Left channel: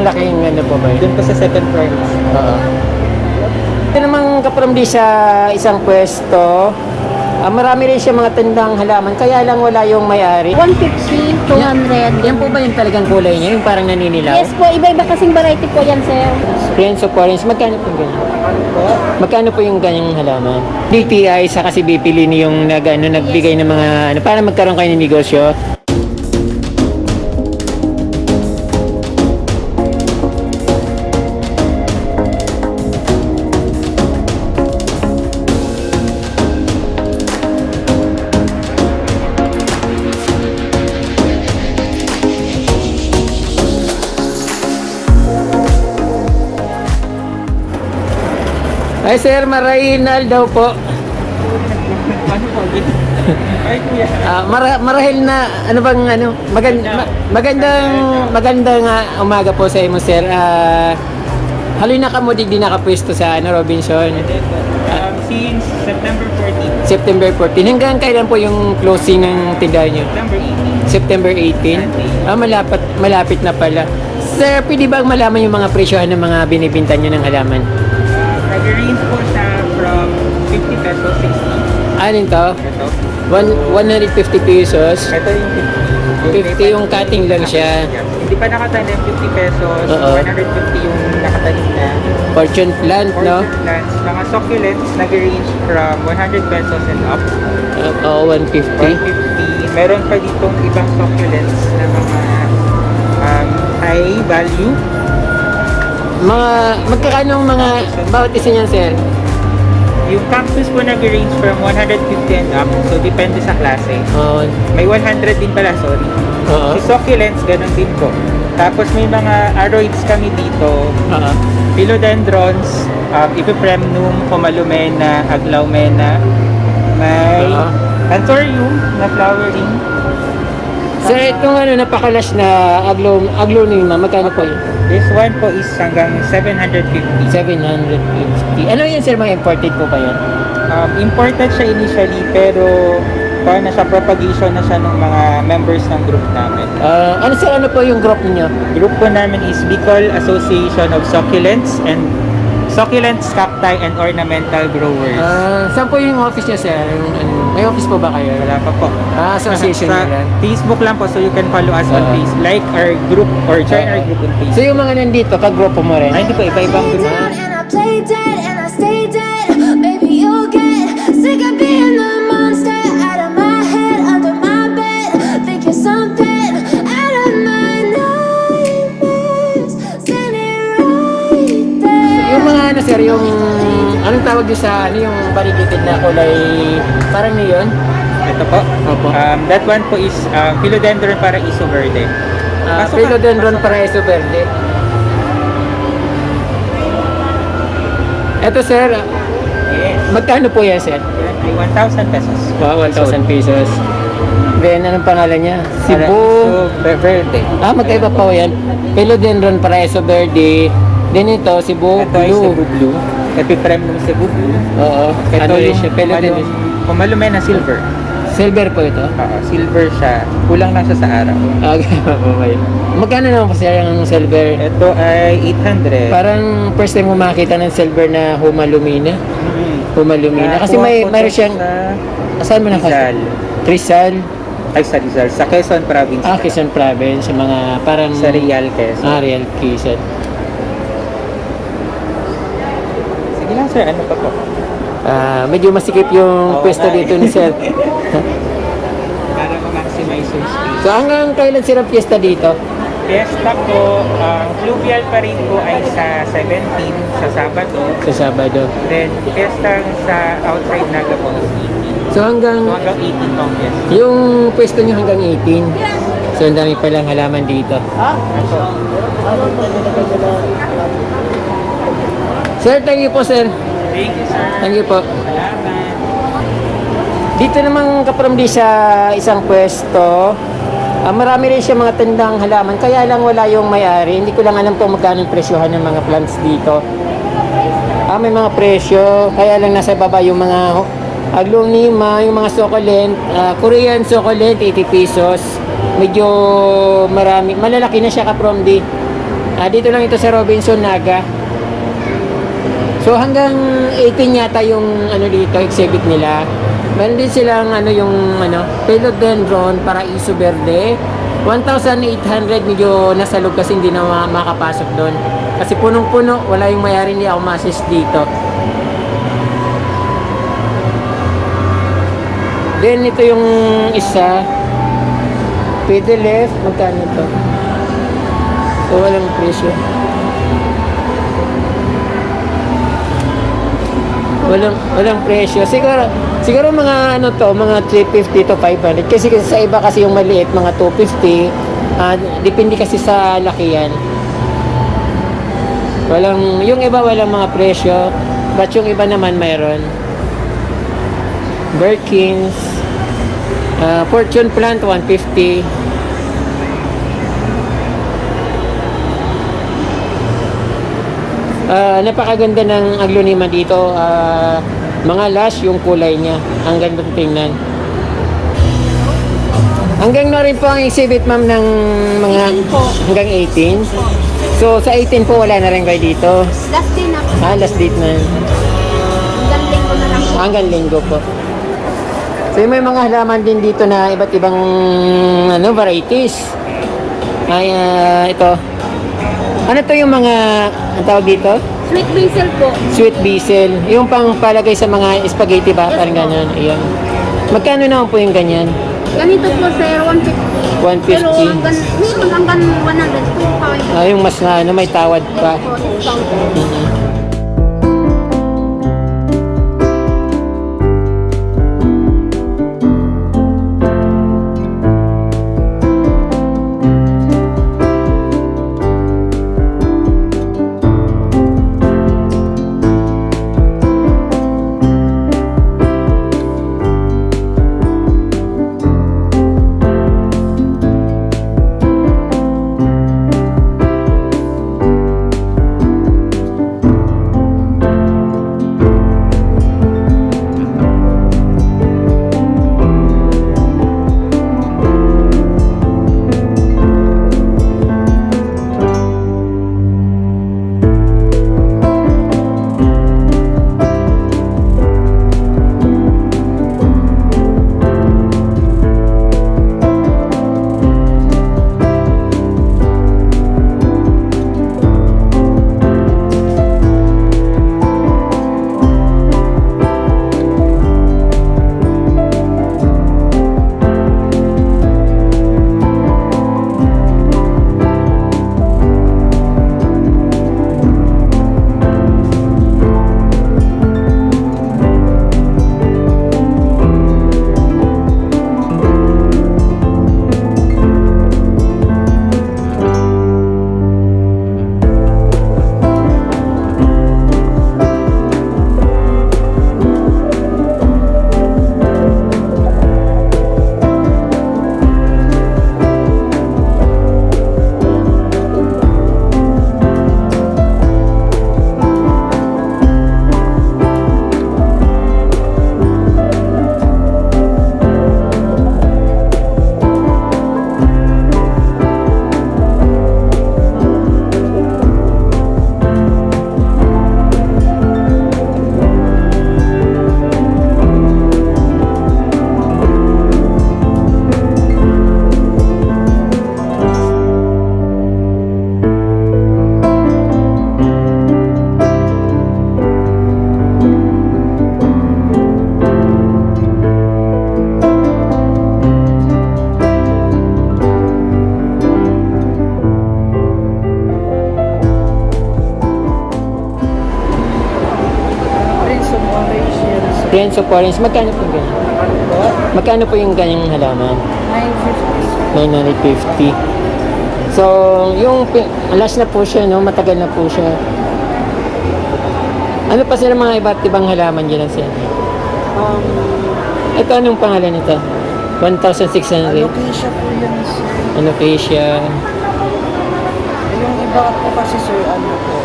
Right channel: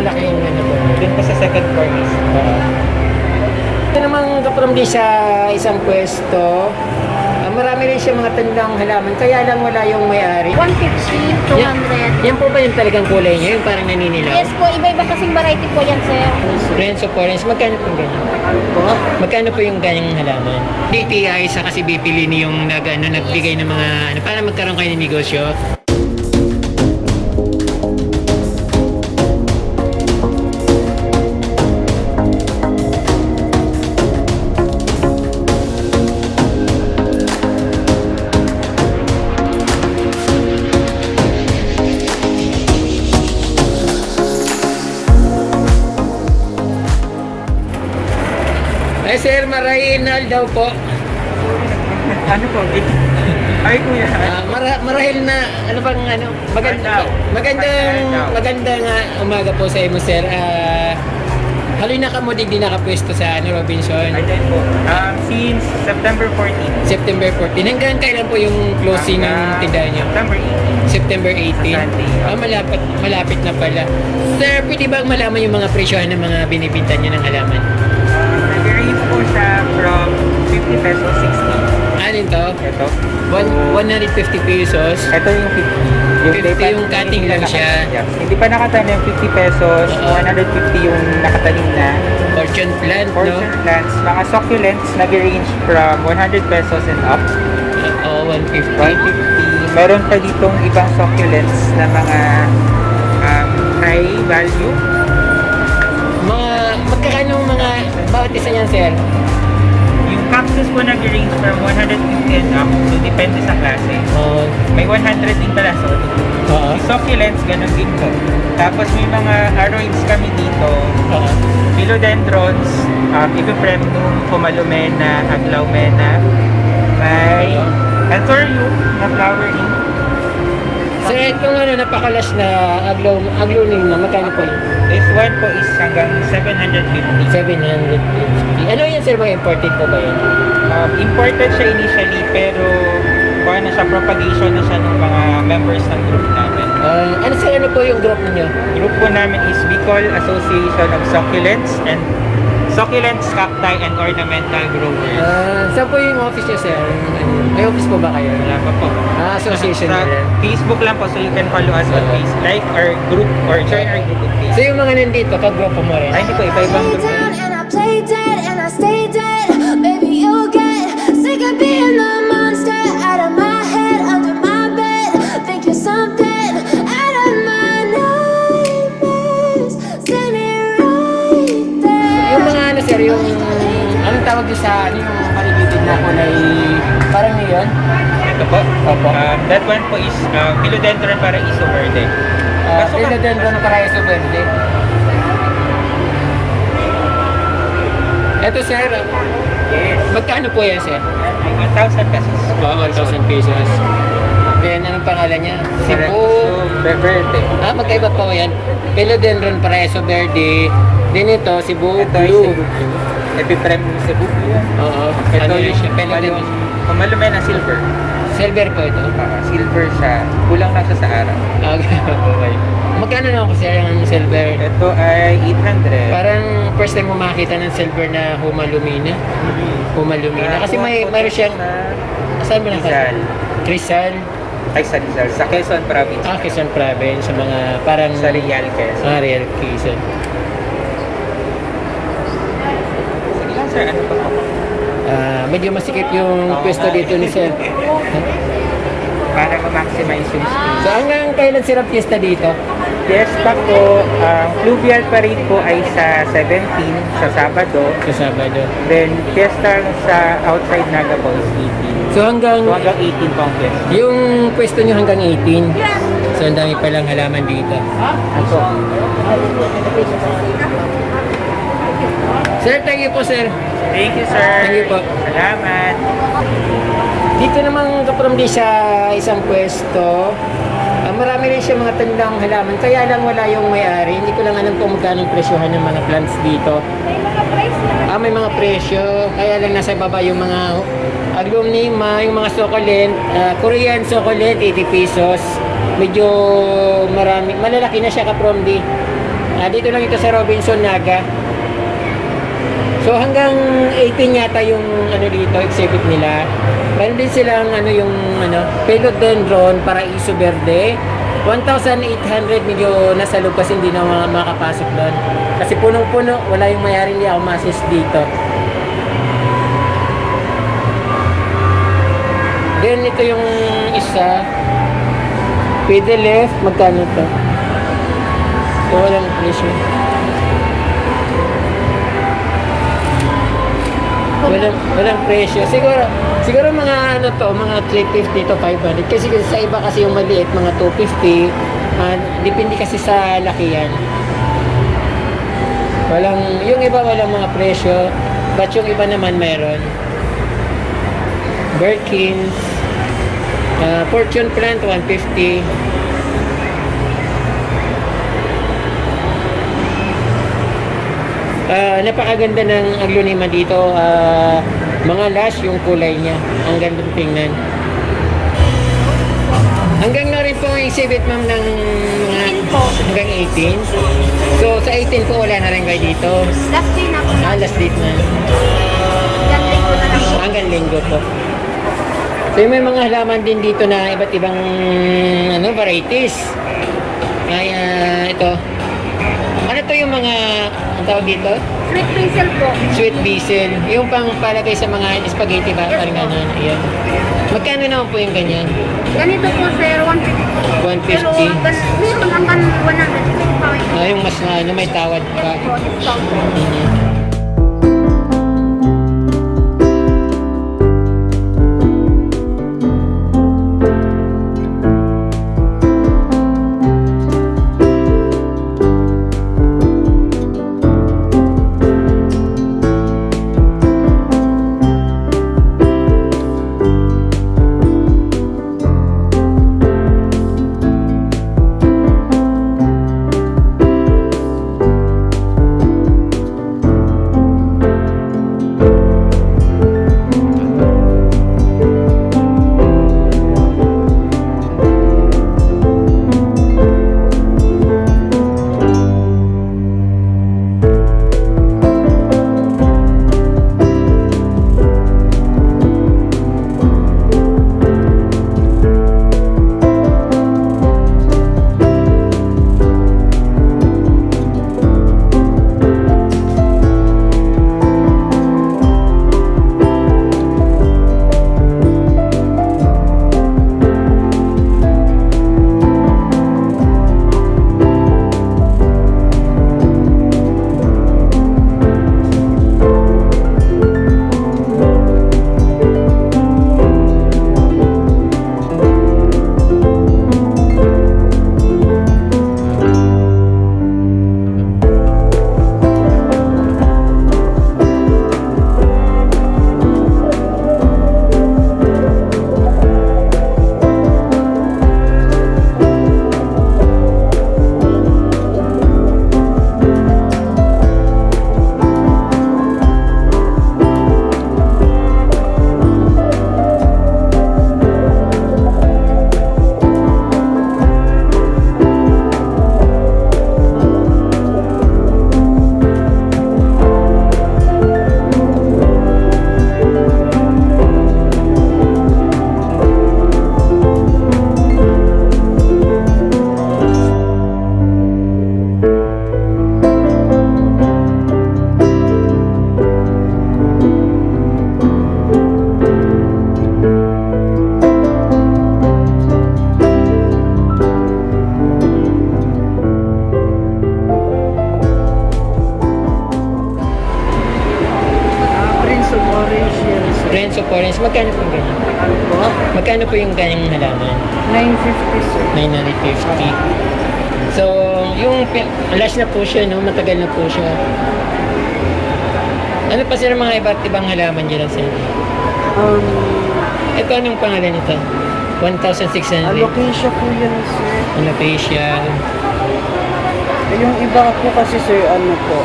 malaking ano po ba yun? Doon po sa second floor mismo. Oo. Ito namang kaparamdi sa isang pwesto. Marami rin siya mga tandang halaman, kaya lang wala yung may-ari. 150, 200. Yan po ba yung talagang kulay niya? Yung parang naninilaw? Yes po, iba-iba kasing variety po yan, sir. Friends of Foreigns, magkano po yung ganyan? Magkano po yung ganyang halaman? DTI sa kasi bipili niyo yung nagbigay ng mga ano, para magkaroon kayo ng negosyo. Ay sir, Marahinal daw po. Ano po? Ay kuya. Marahil na ano bang ano magandang umaga po sa imo sir. Haloy na kamo di nakapwesto sa ano Robinson. Ay din po. Since September 14. September 14. Hanggang kailan po yung closing ng tindahan niyo? September 18. September 18. Malapit na pala. Sir, pwede bang malaman yung mga presyohan ng mga binibinta niyo ng halaman? Nag-range po siya from 50 pesos, 60. Alin to? Ito. 150 pesos. Ito yung 50. 50 yung cutting lang siya. Yeah. Hindi pa nakatanim, 50 pesos. Oo. 150 yung nakatanim na. Fortune plant, no? Plants, mga succulents, nag-range from 100 pesos and up. Oo, 150. 150. Meron pa ditong ibang succulents na mga high value. Magkakano mga bawat isa niyan, sir? Yung cactus po nag-range from 150 and up. So, depende sa klase. Oo. May 100 din pala. So, Oo. yung succulents, ganun din po. Tapos may mga aroids kami dito. Oo. Philodendrons, Ibuprem, Pomalumena, Aglaumena, may Anthurium na flowering. Sir, itong napakalas na aglonema, magkano po yun? This one po is hanggang 750. 750. Ano yan, sir? Mga imported po ba yun? Imported siya initially, pero na siya propagation na siya ng mga members ng group namin. Ano, sir? Ano po yung group niyo? Group po namin is Bicol Association of Succulents, Cacti, and Ornamental Growers. Saan po yung office niyo, sir? May office po ba kayo? Wala pa po. Association niyo lang. Facebook lang po, so you can follow us on Facebook. Like our group or join our group on Facebook. So yung mga nandito, kagrupo mo rin? Hindi po, iba-ibang group. And I play dead and I stay dead. Baby, you'll get sick of being the monster out of my head, under my bed. Think you're something out of my nightmares. See me right there. Yung mga ano, sir, yung anong tawag niyo sa yung variegated na kulay parang neon? Ito po. Opo. That one po is Philodendron Paraiso Verde. Philodendron Paraiso Verde. Ito, sir, Yes. magkano po yan, sir? May 1,000 pesos. Wow, 1,000 pesos. Then, anong pangalan niya? Cebu. Verde. Magkaiba po yan. Philodendron Paraiso Verde. Then ito, Cebu Blue. Epiprime na Cebu Blue. Oo. Ano rin siya? Philodendron. Pumalumena Silver. Silver po ito. Silver siya. Kulang lang siya sa araw. Okay. Magkano naman po, sir, ang silver? Ito ay 800. Parang first time mo makita ng silver na Humalumina. Humalumina. Kasi mayroon siyang... Saan mo Rizal. Rizal. Ay, sa Rizal. Sa Quezon Province. Quezon Province. Sa mga parang... Sa Real Quezon. Real Quezon. Sige lang, sir. Ano pa po? Medyo masikip yung pwesto dito ni sir. Para ma-maximize yung space. So hanggang kailan sir ang piyesta dito? Fiesta po, ang fluvial parade po ay sa 17 sa Sabado. Sa Sabado. Then, fiesta sa outside na po is 18. So hanggang 18 pang fiesta. yung pwesto nyo hanggang 18. So ang dami palang halaman dito. Sir, thank you po, sir. Thank you, sir. Thank you po. Salamat. Dito namang kaparamdi sa isang pwesto. Marami rin siya mga tandang halaman, kaya lang wala yung may-ari. Hindi ko lang alam po magkano ang presyohan ng mga plants dito. May mga presyo, kaya lang nasa baba yung mga aglonema, yung mga succulent, Korean succulent, 80 pesos. Medyo marami, malalaki na siya kapromdi. Dito lang ito sa Robinson Naga. So hanggang 18 yata yung ano dito, exhibit nila. Meron din silang ano yung ano, Philodendron Paraiso Verde. 1,800, medyo nasa loob kasi hindi na makapasok doon. Kasi punong-puno, wala yung mayari, hindi ako ma-assist dito. Then ito yung isa. Pwede left, magkano to? So walang presyo. Walang presyo. Siguro mga ano to, mga 350 to 500. Kasi sa iba kasi yung maliit, mga 250. Depende kasi sa lakihan. Yung iba walang mga presyo, but yung iba naman mayroon. Birkins, Fortune plant 150. Napakaganda ng aglonema dito. Mga lush yung kulay niya. Ang ganda tingnan. Hanggang na rin po ang exhibit ma'am ng mga 18 po. hanggang 18. So sa 18 po wala na rin kayo dito. Last day na po. Last date na. Hanggang linggo na lang. Hanggang linggo po. So may mga halaman din dito na iba't ibang varieties. Ay ito. Ano to yung mga ang tawag dito? Sweet basil po. Sweet basil. Yung pang palagay sa mga spaghetti ba? Yes, Parang po. ganun. Ayan. Magkano naman po yung ganyan? Ganito po sir, 150. 150. Meron hanggang 100 po yung pawin. Yung mas may tawad pa. Yes po, discount. Mhm. Friends of orange, magkano po yung ganyan? Magkano po yung ganyang halaman? 950. So, yung last na po siya, no? Matagal na po siya. Ano pa sila mga iba't ibang halaman dyan sa inyo? Ito, anong pangalan nito? 1,600. Alocasia po yan, sir. Alocasia. Yung iba po kasi, sir, ano po,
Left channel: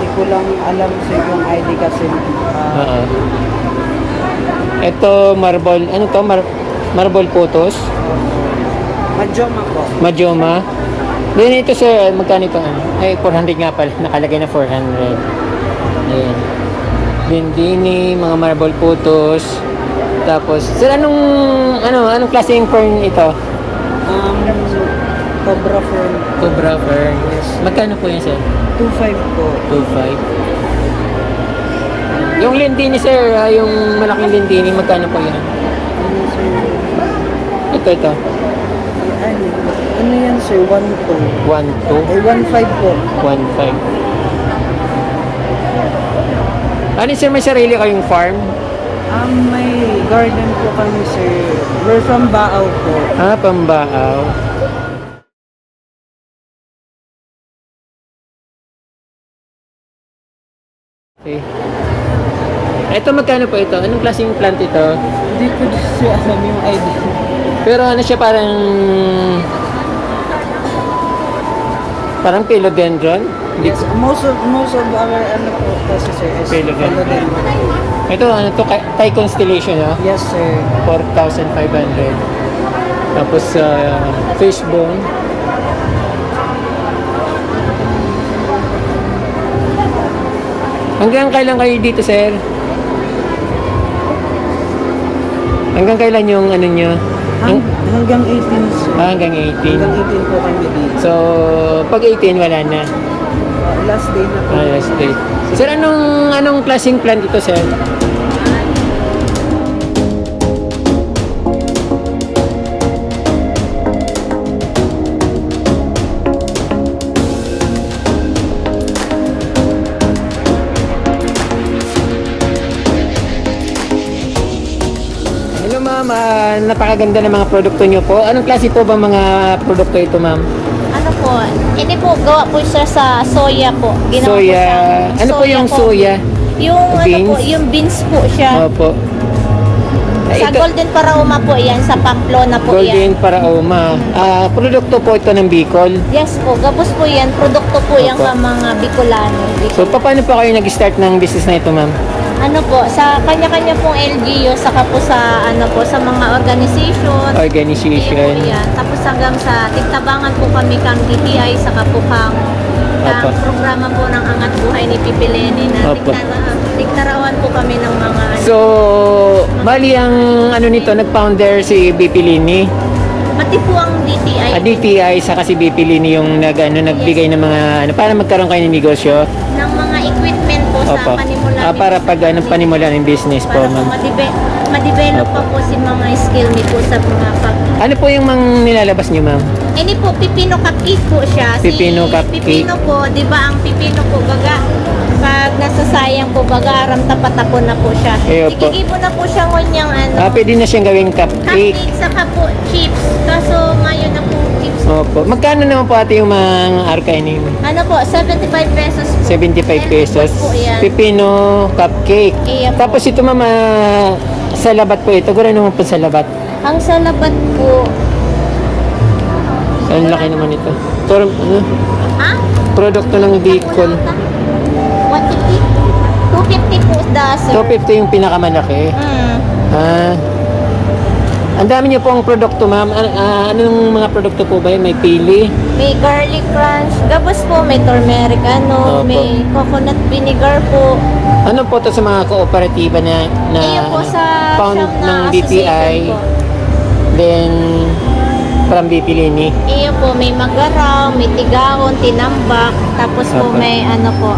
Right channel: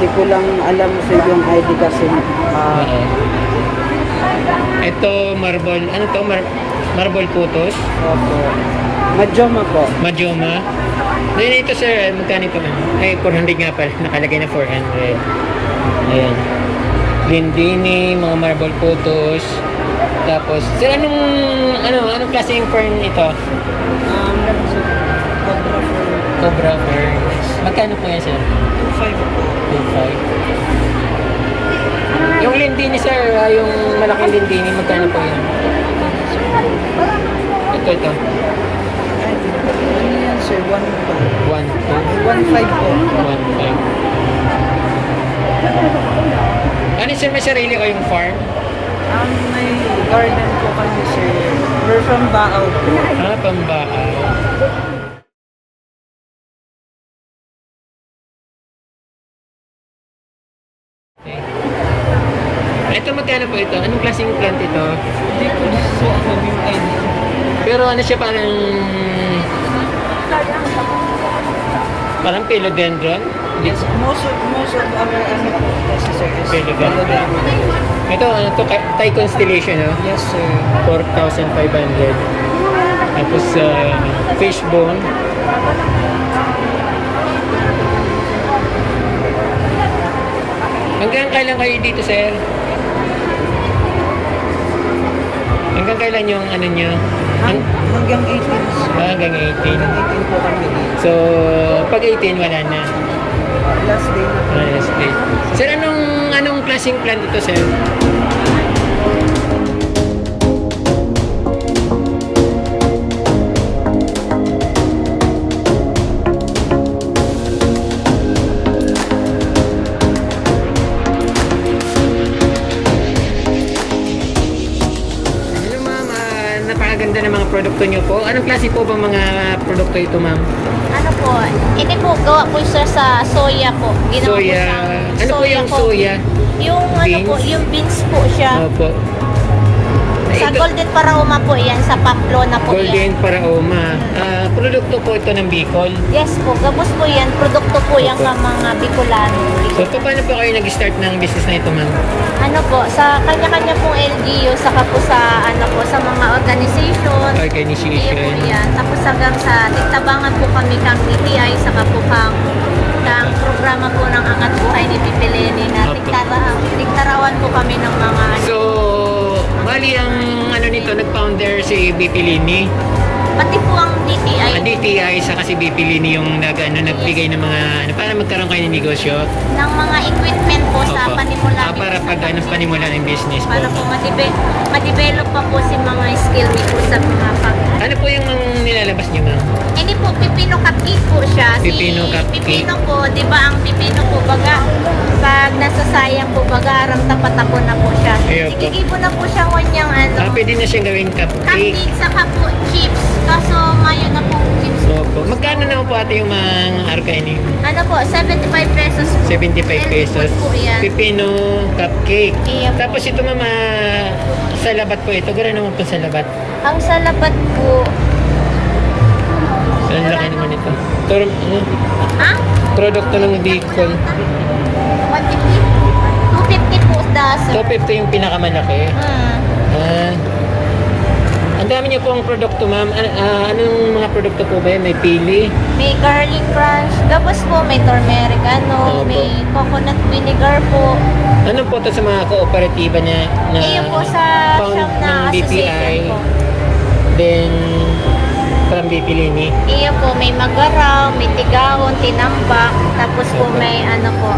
di ko lang alam sir yung ID kasi. Oo. Ito, marble. Ano to? Marble putos? Opo. Majoma po. Majoma. Then ito sir, magkano ito? Ay, 400 nga pala. Nakalagay na 400. Ayan. Lindini, mga marble photos. Tapos, sir, anong klaseng fern ito? Cobra po. Cobra fern. Magkano po yan, sir? 2.5 po. 2.5. Yung lindini, sir, yung malaking lindini, magkano po yan? Ito. Ano yan sir? 1.2. 1.2. Ay, 1.5 po. 1.5. Ano, sir, may sarili kayong farm? Ang may garden po kami sir. We're from Baao. Pambaaw. Okay. Ito, magkano po ito? Anong klaseng plant ito? Hindi ko siya sabi yung ID. Pero ano siya, parang philodendron? Hindi. Most of our ano po kasi sir is Philodendron. Ito, ano to? Thai constellation, no? Yes sir. 4,500. Tapos, fishbone. Hanggang kailan kayo dito, sir? Hanggang kailan yung ano nyo? Hanggang 18 sir. Hanggang 18. Hanggang 18 po kami. So, pag 18, wala na. Last day na. Last day. Sir, anong klaseng plant ito, sir? Hello ma'am, napakaganda ng mga produkto nyo po. Anong klase po ba mga produkto ito ma'am? Ano po? Hindi po, gawa po siya sa soya po. Ginawa Soya, po siya- ano po yung soya? Yung Beans? ano po, yung beans po siya. Opo. Sa Ito, Golden Parauma po yan, sa Pamplona po yan. Golden Paraoma. Produkto po ito ng Bicol. Yes po, gabos po yan. Produkto po yan Opo. sa mga Bicolano. So, paano po kayo nag-start ng business na ito ma'am? Ano po, sa kanya-kanya pong LGU, saka po sa ano po, sa mga organization. Organization. Iyo po yan. Tapos hanggang sa tigtabangan po kami kang DTI, saka po kang Opo. programa po ng Angat Buhay ni Titi Lenny na Opo. tigtarawan po kami ng mga So, bali ang ano nito, nag-founder si BP Lini. pati po ang DTI. DTI saka si BP Lini yung nagbigay ng mga para magkaroon kayo ng negosyo. ng mga equipment po Opo. sa panimula. Para pag panimula ng business po para po ma'am. ma-develop pa po si mga skill ni po sa mga Ano po yung mga nilalabas niyo ma'am? Hindi po, pipino cupcake po siya. Pipino cupcake. Pipino po, di ba ang pipino po, baga, pag nasasayang po, baga, aram tapat na po na po siya. Iyo po. Ibigay mo na po siya ngunyang ano, Pwede na siyang gawing cupcake. cupcake, saka po chips. Kaso ngayon na pong chips. Opo. Magkano naman po ate yung mga arkainin? Ano po, 75 pesos po. 75 pesos. Po yan. Pipino cupcake. Iyo po. Tapos ito mama, sa labat po ito. Gano'n naman po sa labat. Ang salabat po, Ang laki naman ito. ha? Produkto ng Bicol. 150? 250 po daso. 250 yung pinakamalaki. Ang dami niyo pong produkto, ma'am. Anong mga produkto po ba yan? May pili? May garlic crunch, gabos po, may turmeric Opo. ano, may coconut vinegar po. Ano po to sa mga kooperatiba na Iyo po sa found shop ng na DTI, then from BP Lini? Iyo po, may magaraw, may tigahon, tinambak, tapos po Opo. may ano po,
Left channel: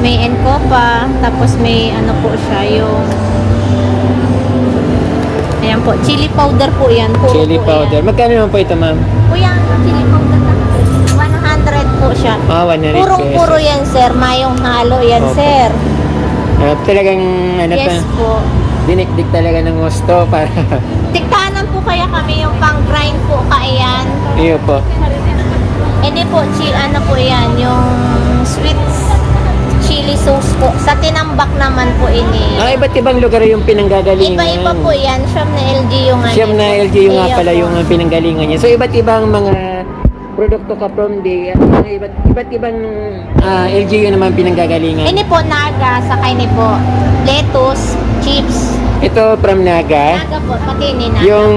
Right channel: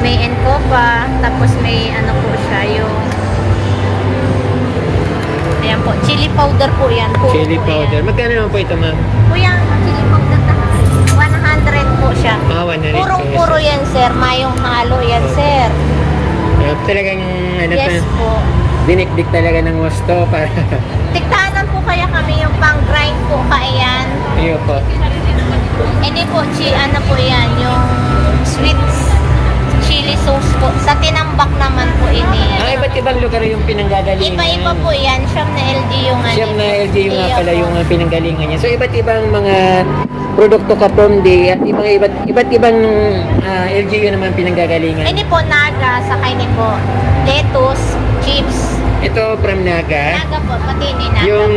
may encopa, tapos may ano po siya, yung ayan po, chili powder po yan. Chili powder. Magkano naman po ito, ma'am? Kuya, ano po, chili powder na po? 100 po siya. 100 Puro pesos. yan, sir. Mayong halo yan, Opo. sir. Talagang, ano pa, Yes po. dinikdik talaga ng gusto para, Tiktahanan po kaya kami yung pang-grind po kaiyan. iyo po. Hindi po, ano po yan, yung sweet chili sauce po. Sa tinambak naman po ini. Iba't ibang lugar yung pinanggagalingan. Iba-iba po yan. Siyam na LGU nga. Siyam na LGU nga pala yung pinanggalingan niya. So, iba't ibang mga produkto ka from the at iba't ibang LGU naman pinanggagalingan. Ini po, naga, sakay ni po. Lettuce, chips. Ito from Naga. Naga po, pati ni naga. Yung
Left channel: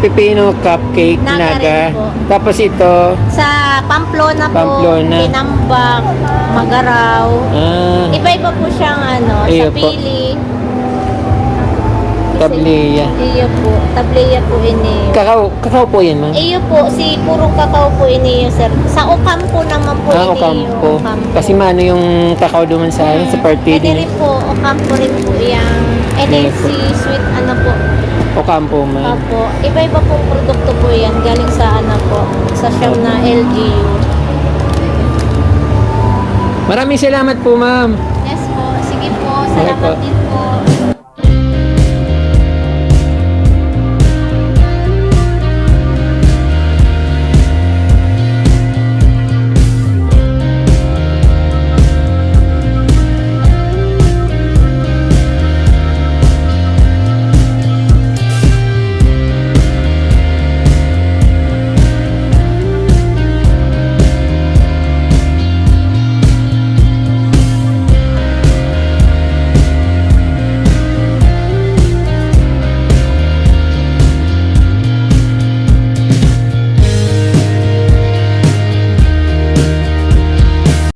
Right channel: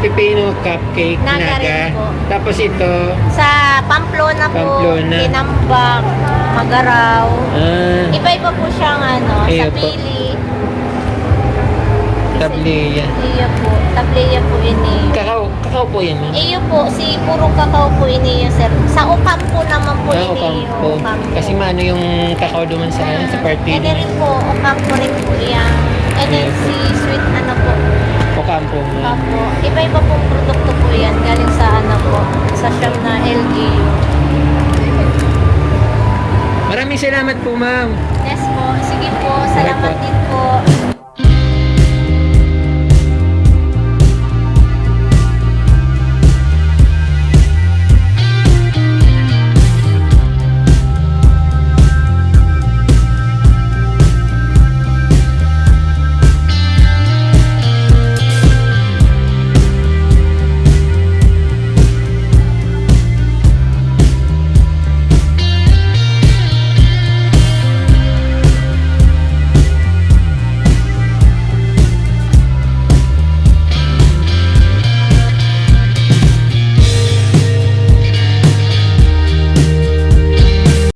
pipino cupcake Naga Naga. rin po. Tapos ito, Sa Pamplona Pamplona. Tinambak, Magaraw. Ah, Iba-iba po siyang Iyo sa po. pili. Tableya. Iyo po. Tableya po ini. Kakao po yun, ma'am. Iyo po, si puro kakao po ini sir. Sa Ocampo naman po Ah, ini. Ocampo. Ocampo. Kasi maano yung kakao duman sa akin, sa part Pwede feeding. rin po, Ocampo rin po yan. And Iyo then po. si sweet po. Ocampo, ma'am. Opo. Iba-iba po produkto po yan. Galing sa po. Sa shop na LGU. Maraming salamat po, ma'am. Yes po. Sige po. Okay Salamat po. din po.